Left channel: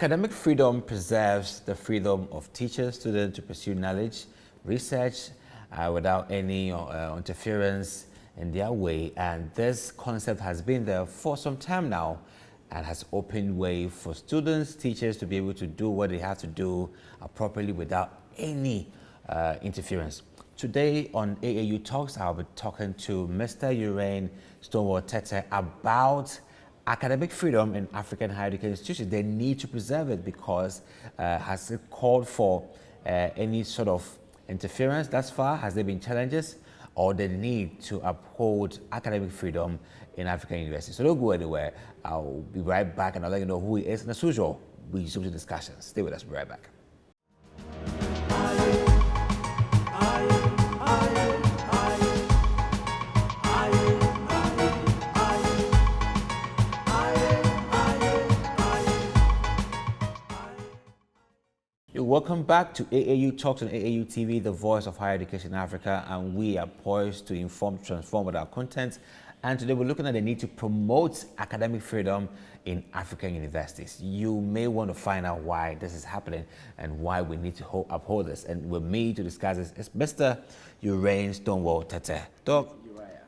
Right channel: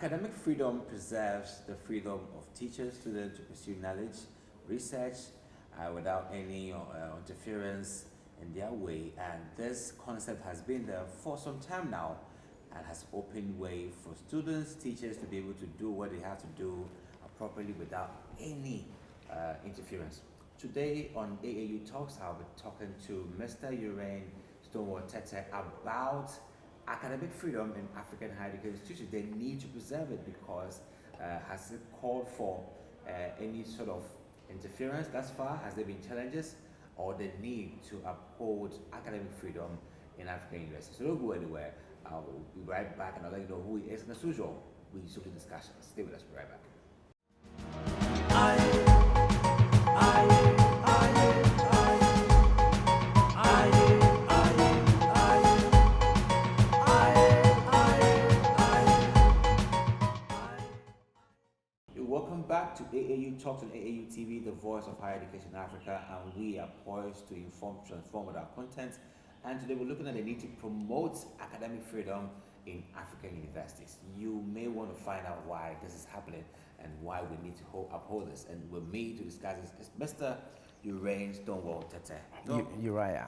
Academic freedom preserves the freedom of teachers, students to pursue knowledge, research without any interference in their way. And this concept has been there for some time now and has opened way for students, teachers to be able to do what they have to do properly without any interference. Today on AAU Talks, I'll be talking to Mr. Urain Stonewell Tetteh about academic freedom in African higher education institutions. They need to preserve it because has it called for any sort of interference thus far? Has there been challenges or the need to uphold academic freedom in African universities? So don't go anywhere. I'll be right back and I'll let you know who he is. And as usual, we resume the discussion. Stay with us. We'll be right back. Welcome back to AAU Talks on AAU TV, the voice of higher education in Africa, and we are poised to inform, transform with our content. And today we're looking at the need to promote academic freedom in African universities. You may want to find out why this is happening and why we need to uphold this. And with me to discuss this is Mr. Urain Stonewell Tetteh. Uriah.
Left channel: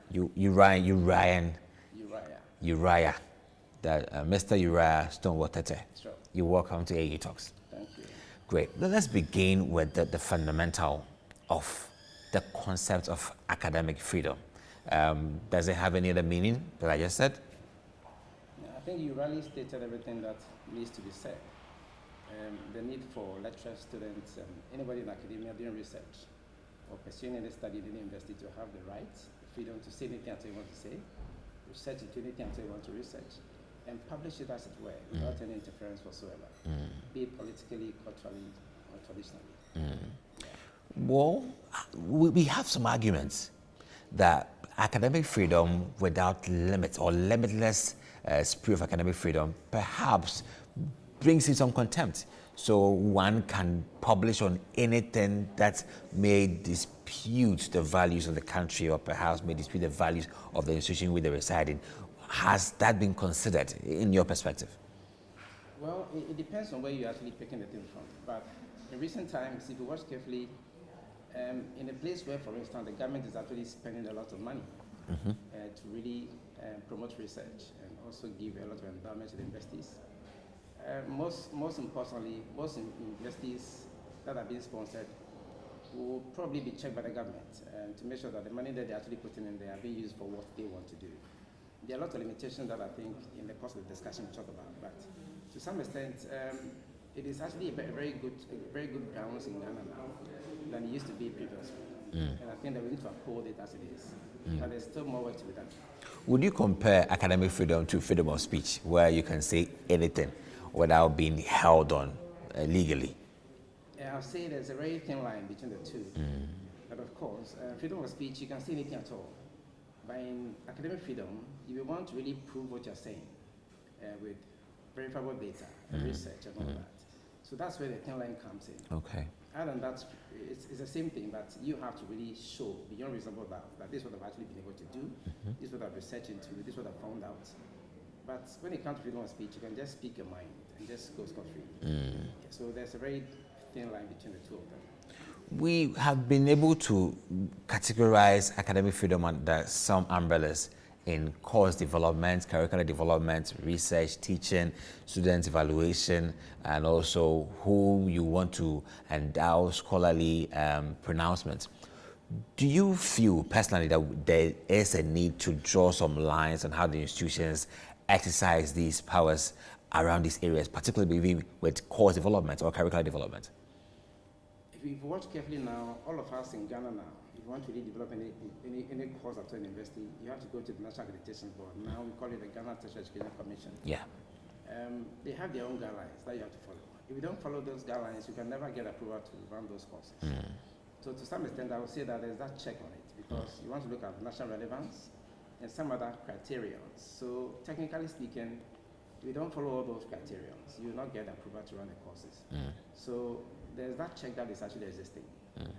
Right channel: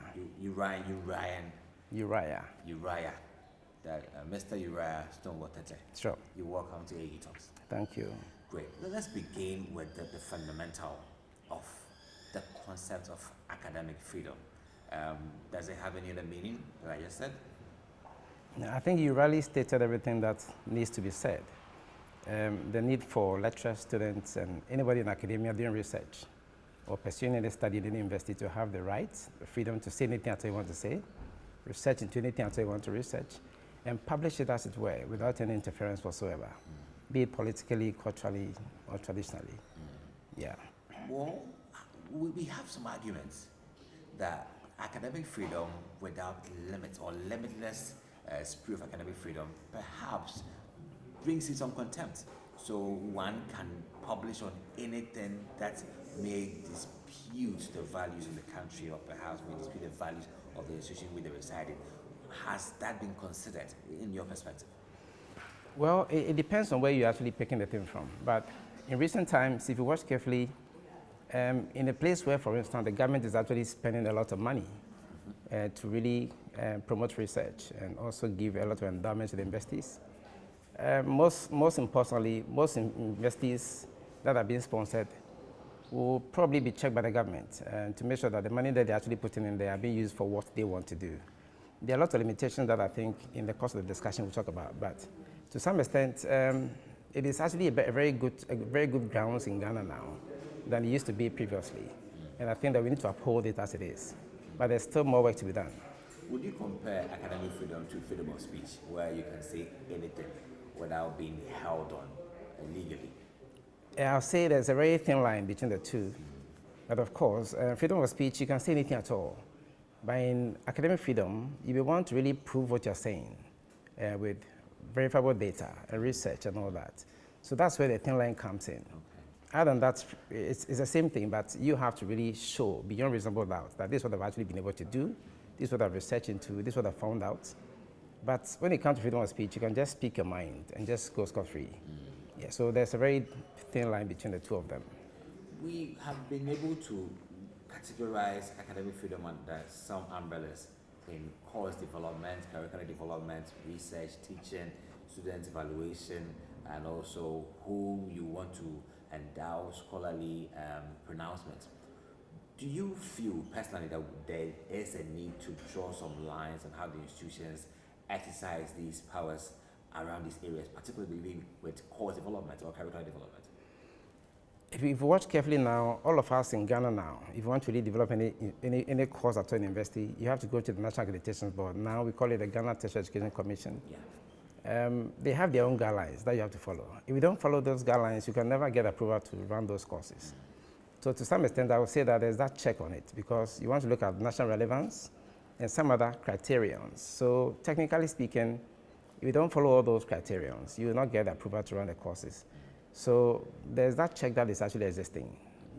Mr. Uriah Stonewell Tetteh. Sure. You're welcome to AAU Talks. Thank you. Great. Let's begin with the fundamental of the concept of academic freedom. Does it have any other meaning that I just said? I think you really stated everything that needs to be said. The need for lecturers, students, and anybody in academia doing research or pursuing any study in the university to have the right, the freedom to say anything at all you want to say, research into anything at all you want to research, and publish it as it were without any interference whatsoever, be it politically, culturally, or traditionally. Yeah. Well, we have some arguments that academic freedom without limits or limitless spree of academic freedom perhaps brings in some contempt. So one can publish on anything that may dispute the values of the country or perhaps may dispute the values of the institution where they reside in. Has that been considered in your perspective? Well, it depends on where you're actually picking the thing from. But in recent times, if you watch carefully, in a place where, for instance, the government is actually spending a lot of money to really promote research and also give a lot of endowments to the universities. Most importantly, most universities that are being sponsored will probably be checked by the government to make sure that the money that they're actually putting in there are being used for what they want to do. There are lots of limitations that I think in the course of the discussion we'll talk about, but to some extent, it is actually a very good grounds in Ghana now than it used to be previously. And I think that we need to uphold it as it is. But there's still more work to be done. Would you compare academic freedom to freedom of speech, where you can say anything without being held on legally? I'll say there's a very thin line between the two. But of course, freedom of speech, you can say anything at all. But in academic freedom, you will want to really prove what you're saying with verifiable data, research, and all that. So that's where the thin line comes in. Okay. Other than that, it's the same thing, but you have to really show beyond reasonable doubt that this is what I've actually been able to do, this is what I've researched into, this is what I've found out. But when it comes to freedom of speech, you can just speak your mind and just go scot-free. Yeah, so there's a very thin line between the two of them. We have been able to categorize academic freedom under some umbrellas in course development, curricular development, research, teaching, student evaluation, and also who you want to endow scholarly pronouncements. Do you feel personally that there is a need to draw some lines on how the institutions exercise these powers around these areas, particularly with course development or curricular development? If you watch carefully now, all of us in Ghana now, if you want to really develop any course at a university, you have to go to the National Accreditation Board. Now we call it the Ghana Tertiary Education Commission. Yeah. They have their own guidelines that you have to follow. If you don't follow those guidelines, you can never get approval to run those courses. So to some extent, I would say that there's that check on it because you want to look at national relevance and some other criterions. So technically speaking, if you don't follow all those criterions, you will not get approval to run the courses. So there's that check that is actually existing,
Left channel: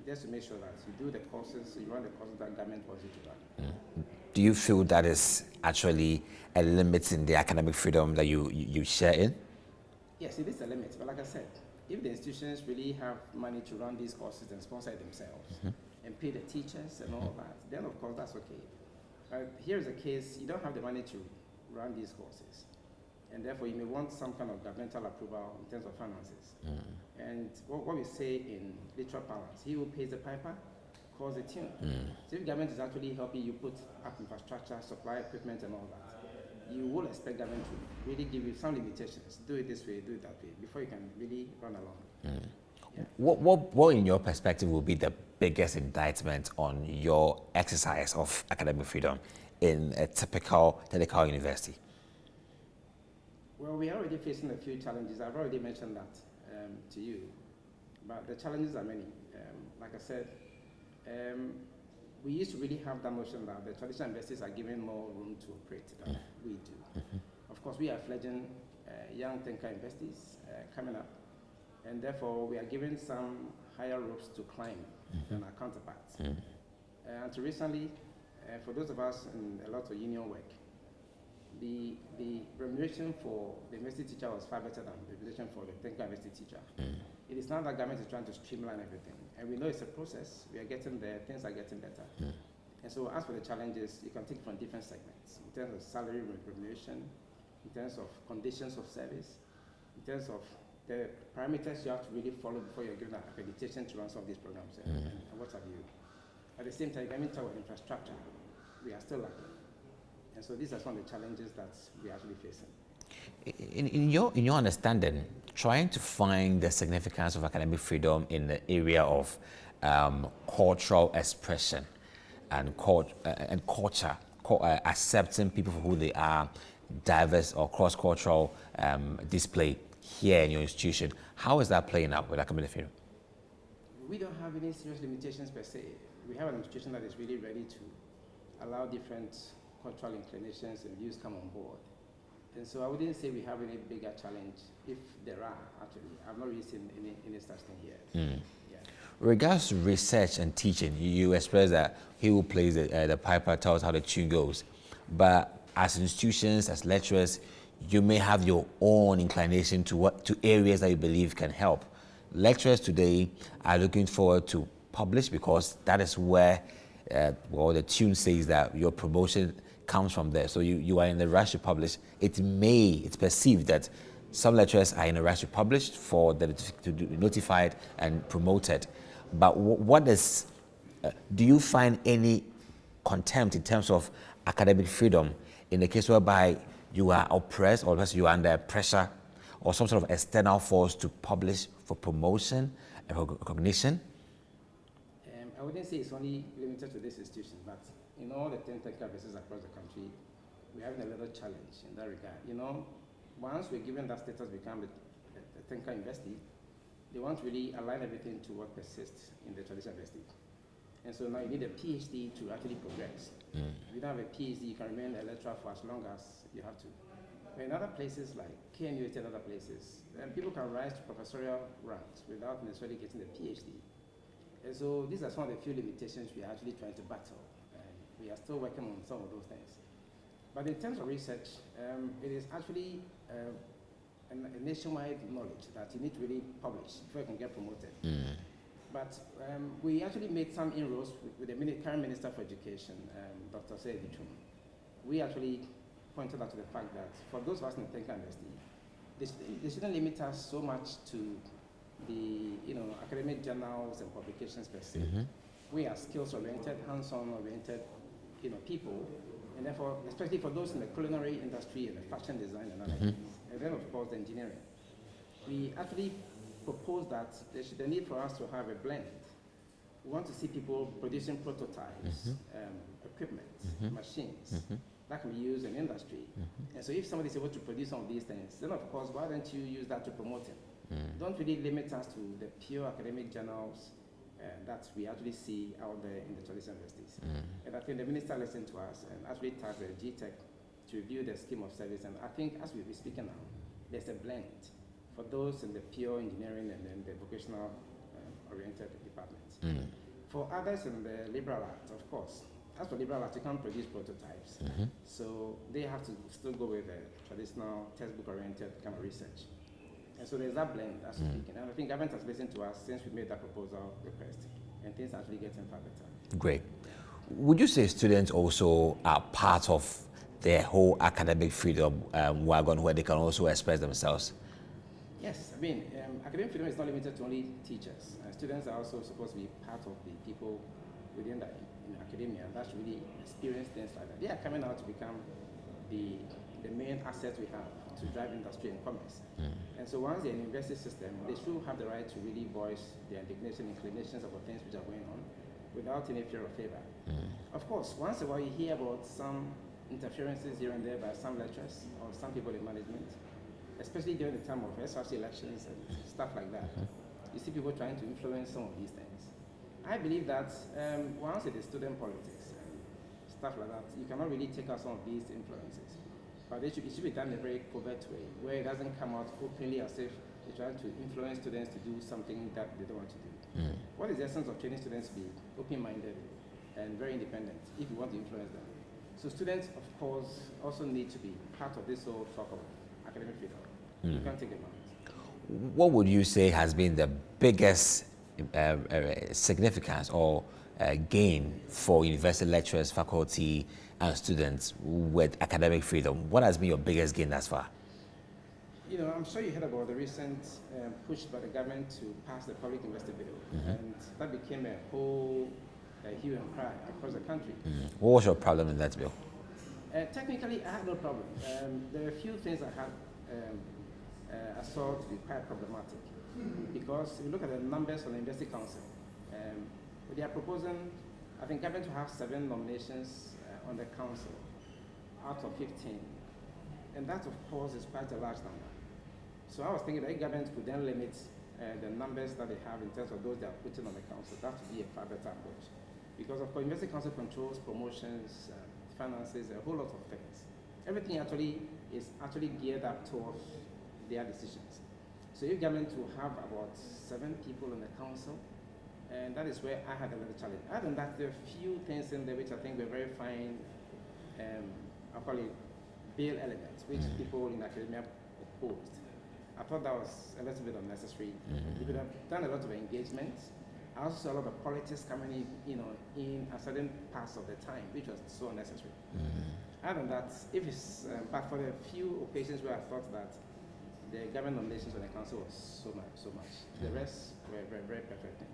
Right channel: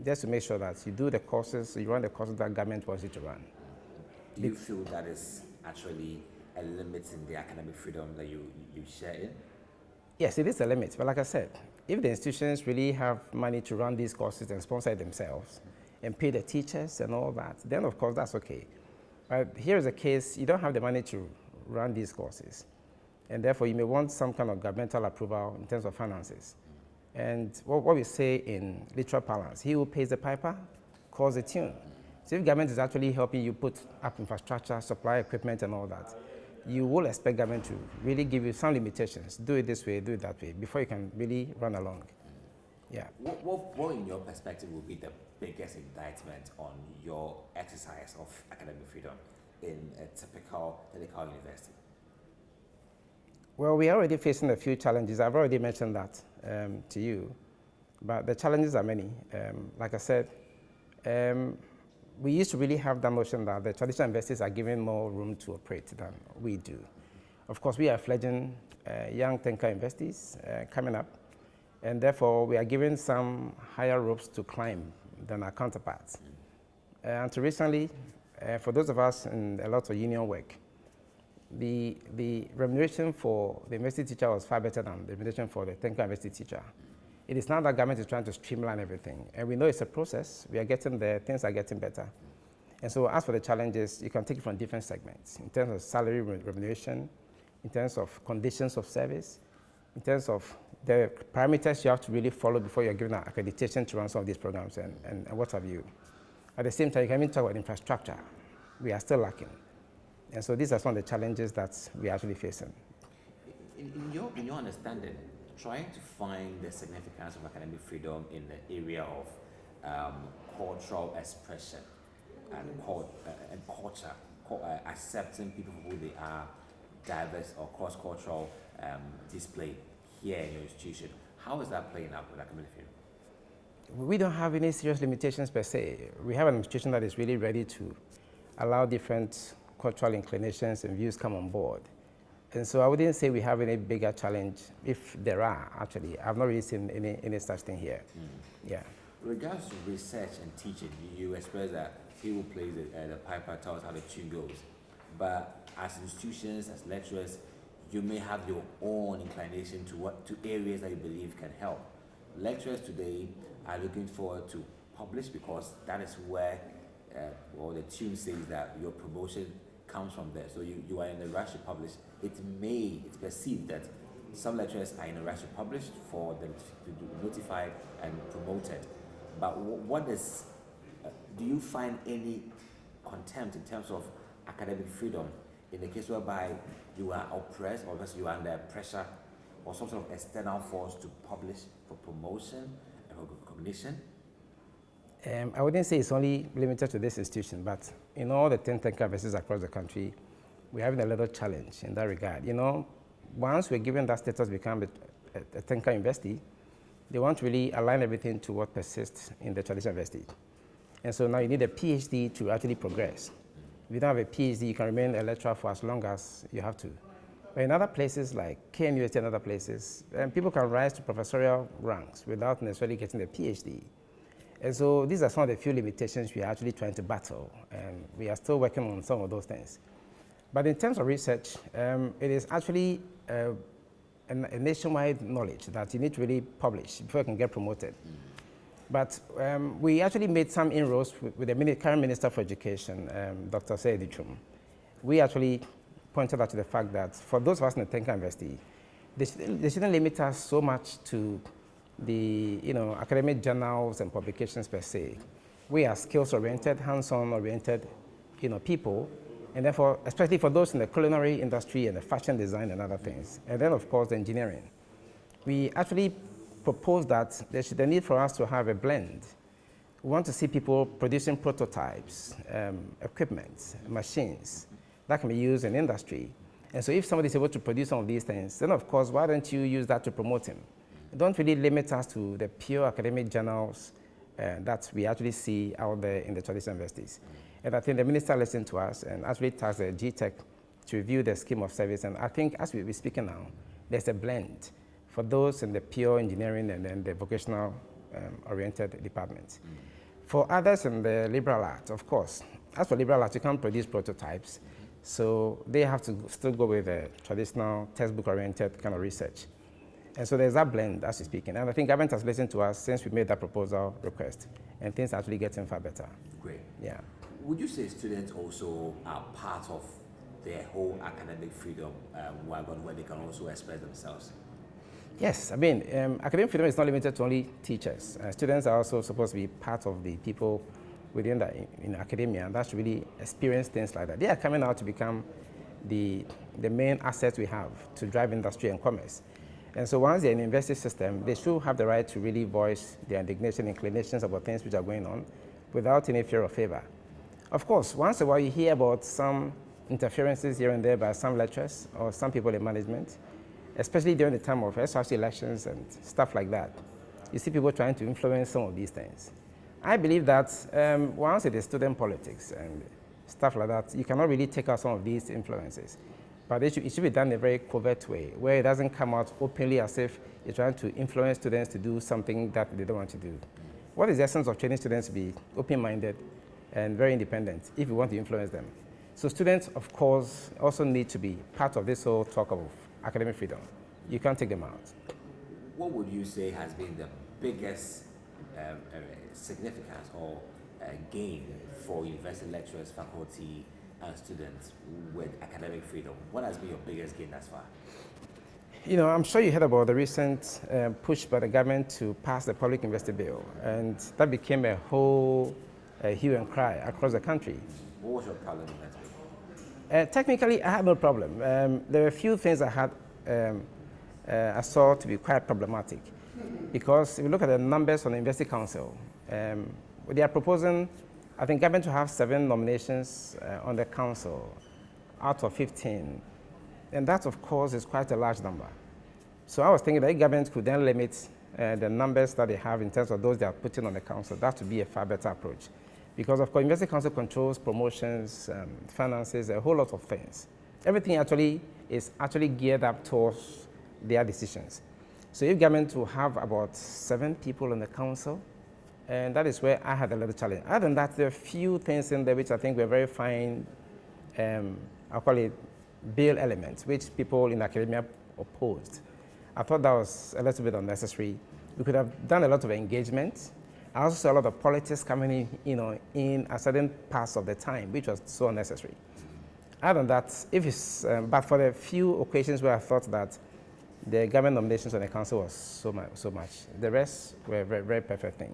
just to make sure that you do the courses, you run the courses that government wants you to run. Do you feel that is actually a limit in the academic freedom that you share in? Yes, it is a limit. But like I said, if the institutions really have money to run these courses and sponsor it themselves and pay the teachers and all that, then of course that's okay. But here is a case, you don't have the money to run these courses. And therefore you may want some kind of governmental approval in terms of finances. And what we say in literal parlance, he who pays the piper calls the tune. So if government is actually helping you put up infrastructure, supply equipment and all that, you will expect government to really give you some limitations. Do it this way, do it that way, before you can really run along. Yeah. What, in your perspective, will be the biggest indictment on your exercise of academic freedom in a typical technical university? Well, we are already facing a few challenges. I've already mentioned that to you, but the challenges are many. Like I said, we used to really have that notion that the traditional universities are given more room to operate than we do. Of course, we are fledgling young thinker universities coming up, and therefore we are given some higher ropes to climb than our counterparts. Until recently, for those of us in a lot of union work, the remuneration for the university teacher was far better than the remuneration for the thinker university teacher. It is now that government is trying to streamline everything. And we know it's a process. We are getting there. Things are getting better. And so as for the challenges, you can take it from different segments. In terms of salary remuneration, in terms of conditions of service, in terms of the parameters you have to really follow before you're given an accreditation to run some of these programs and what have you. At the same time, you can even talk about infrastructure. We are still lacking. And so these are some of the challenges that we are actually facing. In your understanding, trying to find the significance of academic freedom in the area of cultural expression and culture, accepting people for who they are, diverse or cross-cultural display here in your institution, how is that playing out with academic freedom? We don't have any serious limitations per se. We have an institution that is really ready to allow different cultural inclinations and views come on board. And so I wouldn't say we have any bigger challenge, if there are, actually. I've not really seen any such thing here. Yeah. Regards to research and teaching, you express that he who plays the piper tells how the tune goes. But as institutions, as lecturers, you may have your own inclination to areas that you believe can help. Lecturers today are looking forward to publish because that is where, the tune says that your promotion comes from there. So you are in the rush to publish. It's perceived that some lecturers are in a rush to publish for them to be notified and promoted. But do you find any contempt in terms of academic freedom in the case whereby you are oppressed or you are under pressure or some sort of external force to publish for promotion and recognition? I wouldn't say it's only limited to this institution, but in all the 10 thinker universities across the country, we're having a little challenge in that regard. Once we're given that status to become a thinker university, they want to really align everything to what persists in the traditional university. And so now you need a PhD to actually progress. If you don't have a PhD, you can remain a lecturer for as long as you have to. But in other places like KNUST and other places, people can rise to professorial ranks without necessarily getting a PhD. And so these are some of the few limitations we are actually trying to battle, and we are still working on some of those things. But in terms of research, it is actually a nationwide knowledge that you need to really publish before you can get promoted. But we actually made some inroads with the current Minister for Education, Dr. Seyedichum. We actually pointed out to the fact that for those of us in the Thinker University, they shouldn't limit us so much to the academic journals and publications per se. We are skills-oriented, hands-on oriented people, and therefore, especially for those in the culinary industry and the fashion design and other things, and then of course the engineering. We actually proposed that there's the need for us to have a blend. We want to see people producing prototypes, equipment, machines that can be used in industry. And so if somebody is able to produce some of these things, then of course, why don't you use that to promote him? Don't really limit us to the pure academic journals that we actually see out there in the traditional universities. And I think the minister listened to us and actually tasked the GTech to review the scheme of service. And I think as we're speaking now, there's a blend for those in the pure engineering and then the vocational oriented departments. For others in the liberal arts, of course, as for liberal arts, you can't produce prototypes. So they have to still go with the traditional textbook oriented kind of research. And so there's that blend, as you're speaking. And I think government has listened to us since we made that proposal request, and things are actually getting far better. Great. Yeah. Would you say students also are part of their whole academic freedom wagon where they can also express themselves? Yes, I mean, academic freedom is not limited to only teachers. Students are also supposed to be part of the people within the, in academia that should really experience things like that. They are coming out to become the main asset we have to drive industry and commerce. And so once they're in the university system, they should have the right to really voice their indignation, inclinations about things which are going on without any fear or favor. Of course, once in a while you hear about some interferences here and there by some lecturers or some people in management, especially during the time of SRC elections and stuff like that. You see people trying to influence some of these things. I believe that once it is student politics and stuff like that, you cannot really take out some of these influences. But it should be done in a very covert way, where it doesn't come out openly as if you're trying to influence students to do something that they don't want to do. What is the essence of training students to be open-minded and very independent if you want to influence them? So students, of course, also need to be part of this whole talk of academic freedom. You can't take them out. What would you say has been the biggest significance or gain for university lecturers, faculty, and students with academic freedom? What has been your biggest gain thus far? You know, I'm sure you heard about the recent push by the government to pass the public university bill, and that became a whole hue and cry across the country. What was your problem in that bill? Technically, I had no problem. There were a few things I saw to be quite problematic, because if you look at the numbers from the University Council, they are proposing, I think, government to have 7 nominations on the council out of 15. And that, of course, is quite a large number. So I was thinking that the government could then limit the numbers that they have in terms of those they are putting on the council. That would be a far better approach. Because, of course, University Council controls promotions, finances, a whole lot of things. Everything actually is geared up towards their decisions. So if government will have about 7 people on the council, and that is where I had a little challenge. Other than that, there are a few things in there which I think were very fine, I'll call it bill elements, which people in academia opposed. I thought that was a little bit unnecessary. We could have done a lot of engagement. I also saw a lot of politics coming in, in a certain parts of the time, which was so unnecessary. Other than that, if it's, but for the few occasions where I thought that the government nominations on the council was so much, the rest were very, very perfect thing.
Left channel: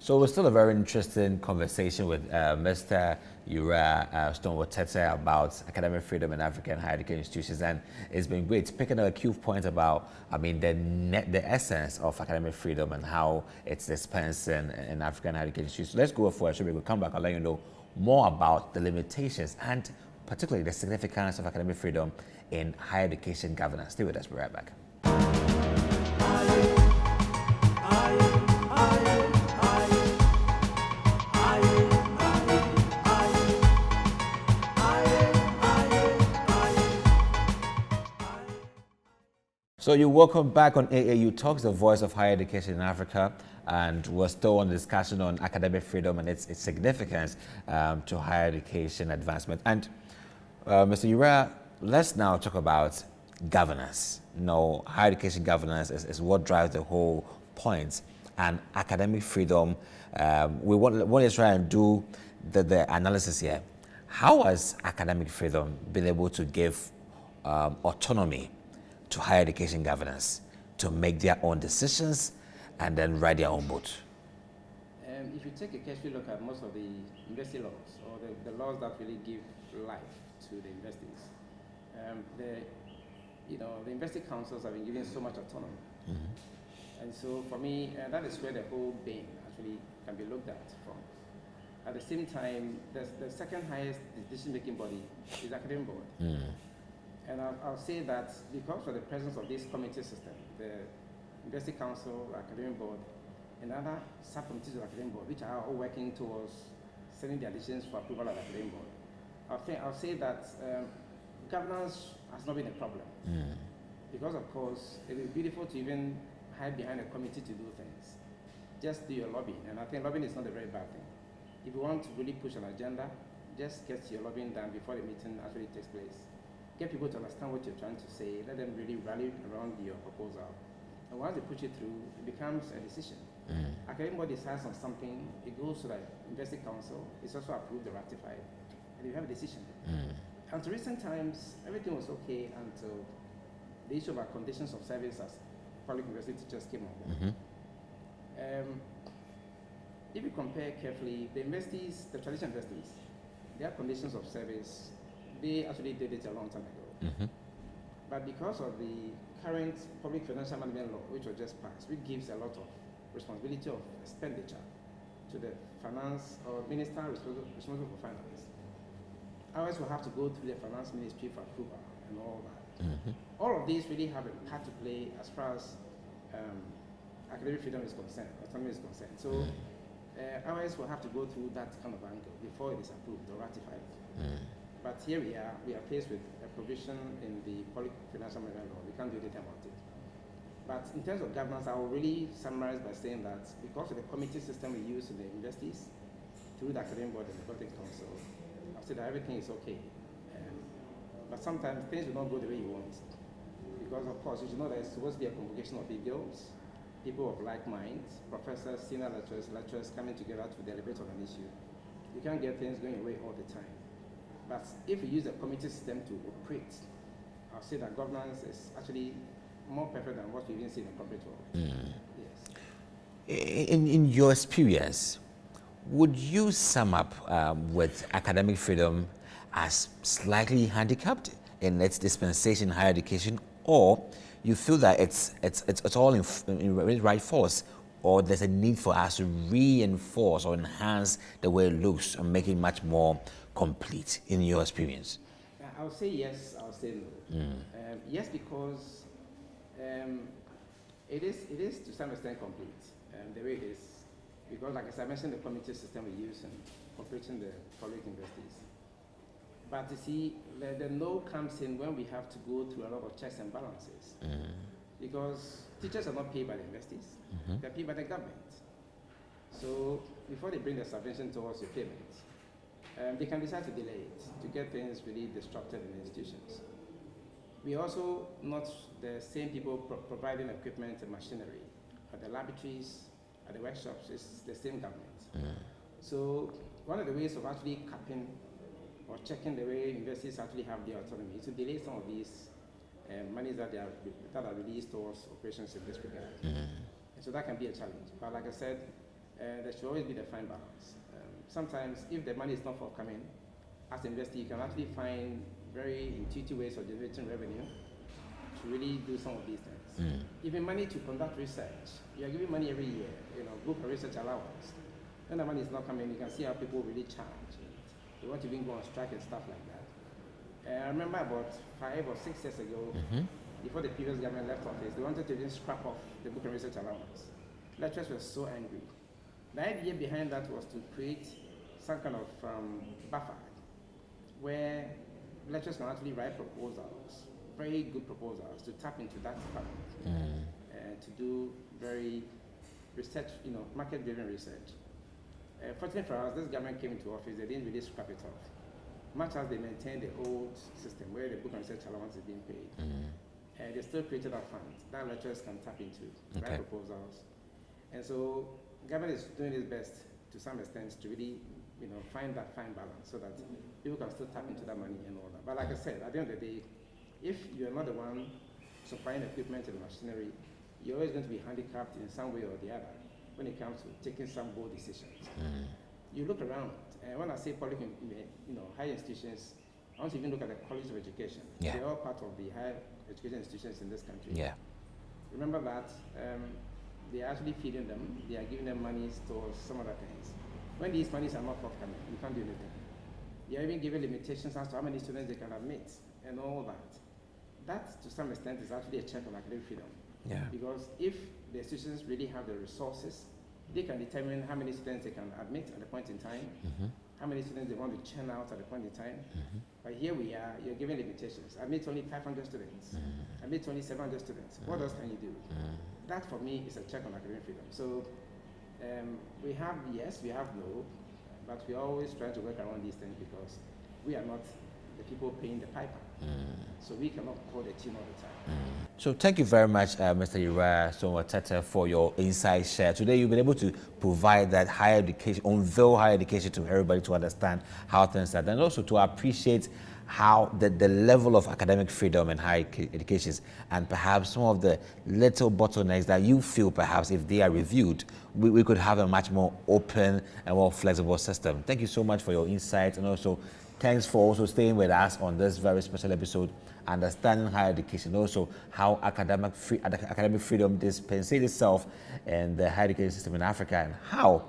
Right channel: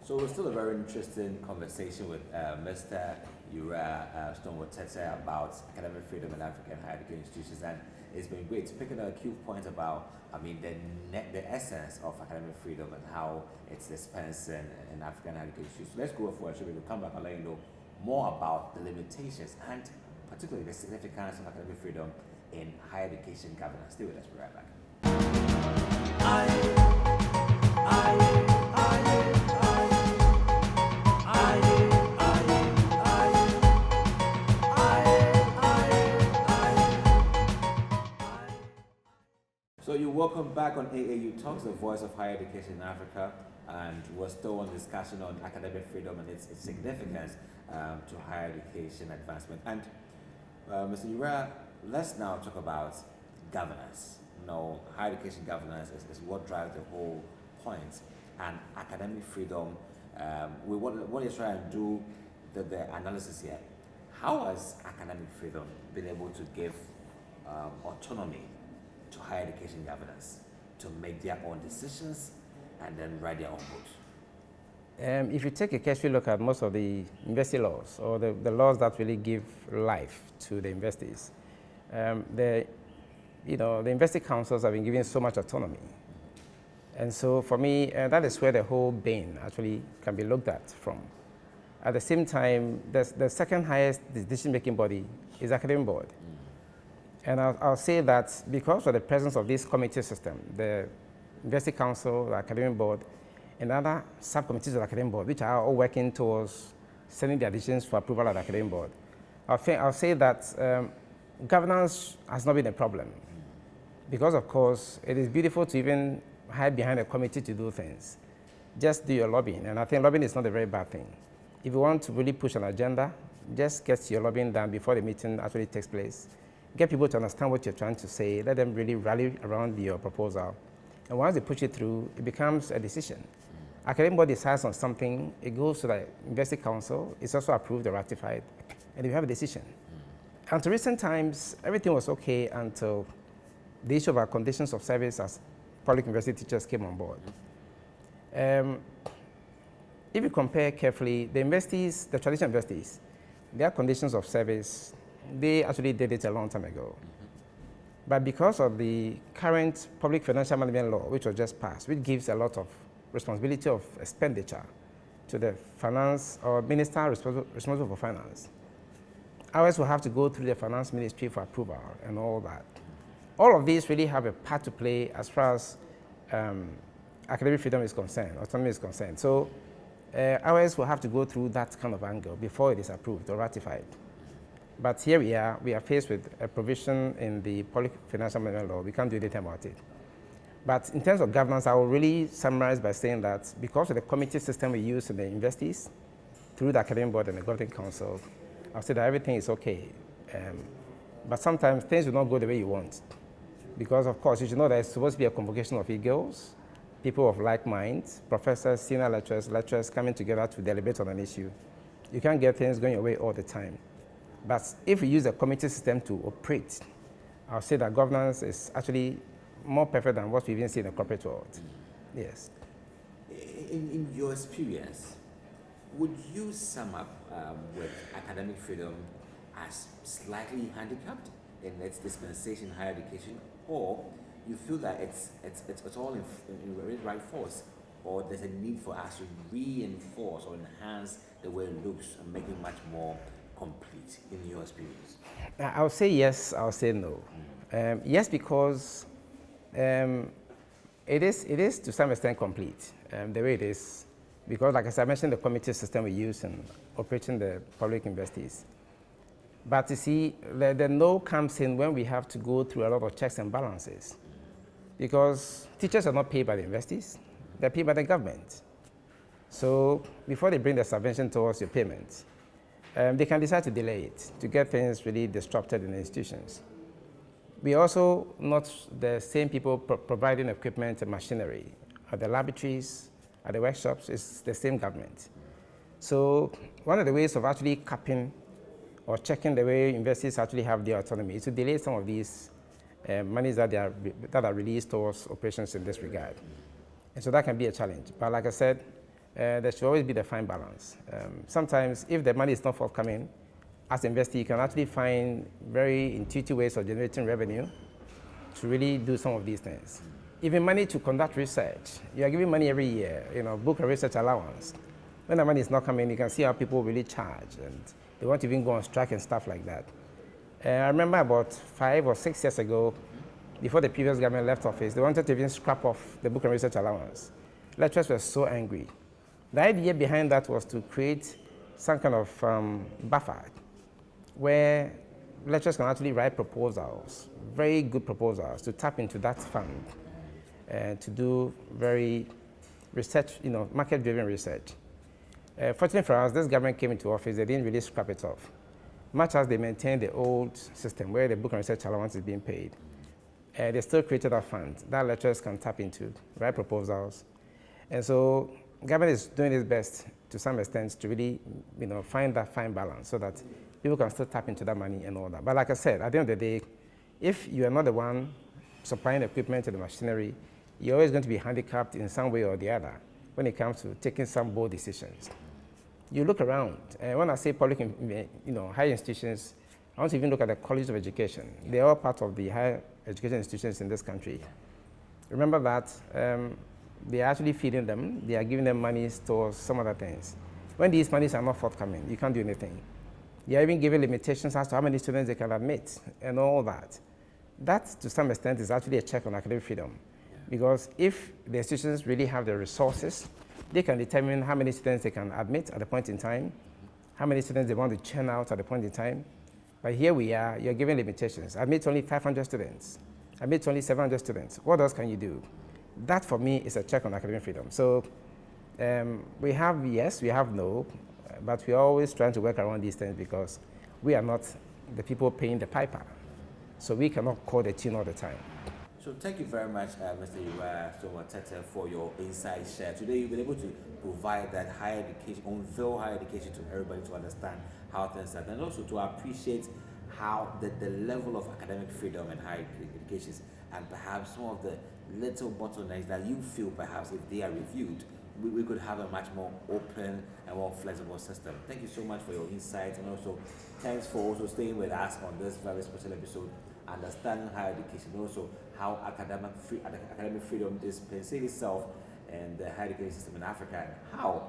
So we're still a very interesting conversation with Mr. Urain Stonewell Tetteh about academic freedom in African higher education institutions, and it's been great picking up a few points about, the essence of academic freedom and how it's dispensed in African higher education institutions. So let's go for a show. We'll come back and let you know more about the limitations and particularly the significance of academic freedom in higher education governance. Stay with us. We'll be right back. So you're welcome back on AAU Talks, the voice of higher education in Africa, and we're still on the discussion on academic freedom and its significance to higher education advancement. And Mr. Urain, let's now talk about governance. Higher education governance is what drives the whole point, and academic freedom. We want to try and do the analysis here. How has academic freedom been able to give autonomy to higher education governance to make their own decisions and then write their own boat? If you take a careful look at most of the university laws, or the laws that really give life to the universities, the university councils have been given so much autonomy. And so for me, that is where the whole bane actually can be looked at from. At the same time, the second highest decision-making body is the academic board. And I'll say that because of the presence of this committee system, the University Council, the Academic Board, and other subcommittees of the Academic Board, which are all working towards sending the additions for approval of the Academic Board, I'll say that governance has not been a problem. Because, of course, it is beautiful to even hide behind a committee to do things. Just do your lobbying, and I think lobbying is not a very bad thing. If you want to really push an agenda, just get your lobbying done before the meeting actually takes place. get people to understand what you're trying to say, let them really rally around your proposal. And once they push it through, it becomes a decision. Academic body decides on something, it goes to the University Council, it's also approved or ratified, and you have a decision. Until recent times, everything was okay until the issue of our conditions of service as public university teachers came on board. If you compare carefully, the universities, the traditional universities, their conditions of service, they actually did it a long time ago. But because of the current public financial management law, which was just passed, which gives a lot of responsibility of expenditure to the finance or minister responsible for finance, ours will have to go through the finance ministry for approval and all that. All of these really have a part to play as far as academic freedom is concerned, autonomy is concerned. So ours will have to go through that kind of angle before it is approved or ratified. But here we are faced with a provision in the public financial management law. We can't do anything about it. But in terms of governance, I will really summarize by saying that because of the committee system we use in the universities, through the academic board and the governing council, I'll say that everything is okay. But sometimes things will not go the way you want. Because of course, you should know that it's supposed to be a convocation of egos, people of like minds, professors, senior lecturers coming together to deliberate on an issue. You can't get things going your way all the time. But if we use a committee system to operate, I'll say that governance is actually more perfect than what we even see in the corporate world. Yes. In your experience, would you sum up with academic freedom as slightly handicapped in its dispensation in higher education, or you feel that it's all in right force, or there's a need for us to reinforce or enhance the way it looks and make it much more complete in your experience? I'll say yes, I'll say no. Yes, because it is to some extent complete the way it is, because like as I mentioned, the committee system we use in operating the public universities. But you see, the no comes in when we have to go through a lot of checks and balances, because teachers are not paid by the universities, they're paid by the government. So before they bring the subvention towards your payment, they can decide to delay it, to get things really disrupted in the institutions. We also not the same people providing equipment and machinery. At the laboratories, at the workshops, it's the same government. So one of the ways of actually capping or checking the way universities actually have their autonomy is to delay some of these monies that are released towards operations in this regard. And so that can be a challenge. But like I said, there should always be the fine balance. Sometimes if the money is not forthcoming, as an investor, you can actually find very intuitive ways of generating revenue to really do some of these things. Even money to conduct research. You are giving money every year, book a research allowance. When the money is not coming, you can see how people really charge, and they want to even go on strike and stuff like that. I remember about 5 or 6 years ago, before the previous government left office, they wanted to even scrap off the book and research allowance. Lecturers were so angry. The idea behind that was to create some kind of buffer where lecturers can actually write proposals, very good proposals, to tap into that fund and to do very research, market-driven research. Fortunately for us, this government came into office, they didn't really scrap it off, much as they maintained the old system where the book and research allowance is being paid. They still created a fund that lecturers can tap into, write proposals. And so government is doing its best to some extent to really, find that fine balance so that people can still tap into that money and all that. But like I said, at the end of the day, if you are not the one supplying equipment and the machinery, you're always going to be handicapped in some way or the other when it comes to taking some bold decisions. You look around, and when I say public, higher institutions, I want to even look at the College of Education. They're all part of the higher education institutions in this country. Remember that they are actually feeding them, they are giving them money towards some other things. When these monies are not forthcoming, you can't do anything. You are even giving limitations as to how many students they can admit and all that. That, to some extent, is actually a check on academic freedom. Because if the institutions really have the resources, they can determine how many students they can admit at a point in time, how many students they want to churn out at a point in time. But here we are, you're giving limitations. Admit only 500 students, admit only 700 students. What else can you do? That, for me, is a check on academic freedom. So we have yes, we have no, but we're always trying to work around these things because we are not the people paying the piper. So we cannot call the tune all the time. So thank you very much, Mr. Urain Stonewell Tetteh, for your insight share. Today you've been able to provide that higher education, unveil higher education to everybody to understand how things are done, and also to appreciate how the level of academic freedom in higher education is, and perhaps some of the little bottlenecks that you feel perhaps if they are reviewed, we could have a much more open and more flexible system. Thank you so much for your insights, and also thanks for also staying with us on this very special episode, understanding higher education, also how academic freedom dispensates itself in the higher education system in Africa, and how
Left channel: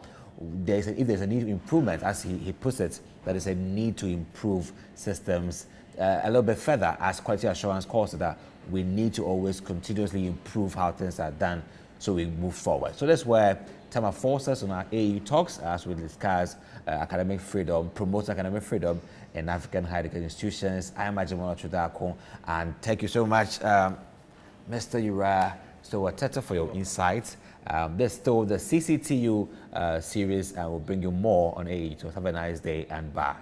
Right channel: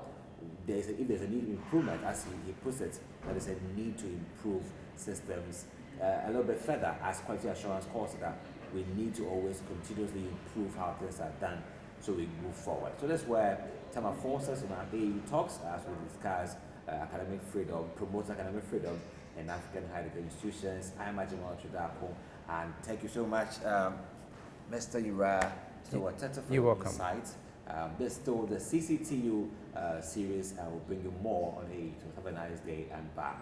if there's a need to improvement, as he puts it, there is a need to improve systems a little bit further, as quality assurance calls it, that we need to always continuously improve how things are done so we move forward. So that's where Tama falls us on our AAU Talks as we discuss academic freedom, promote academic freedom in African higher education institutions. I am Ajimola Chudako, and thank you so much, Mr. Urain Stonewell Tetteh, for your insights. This is still the CCTU series, and we'll bring you more on AAU. So have a nice day and bye.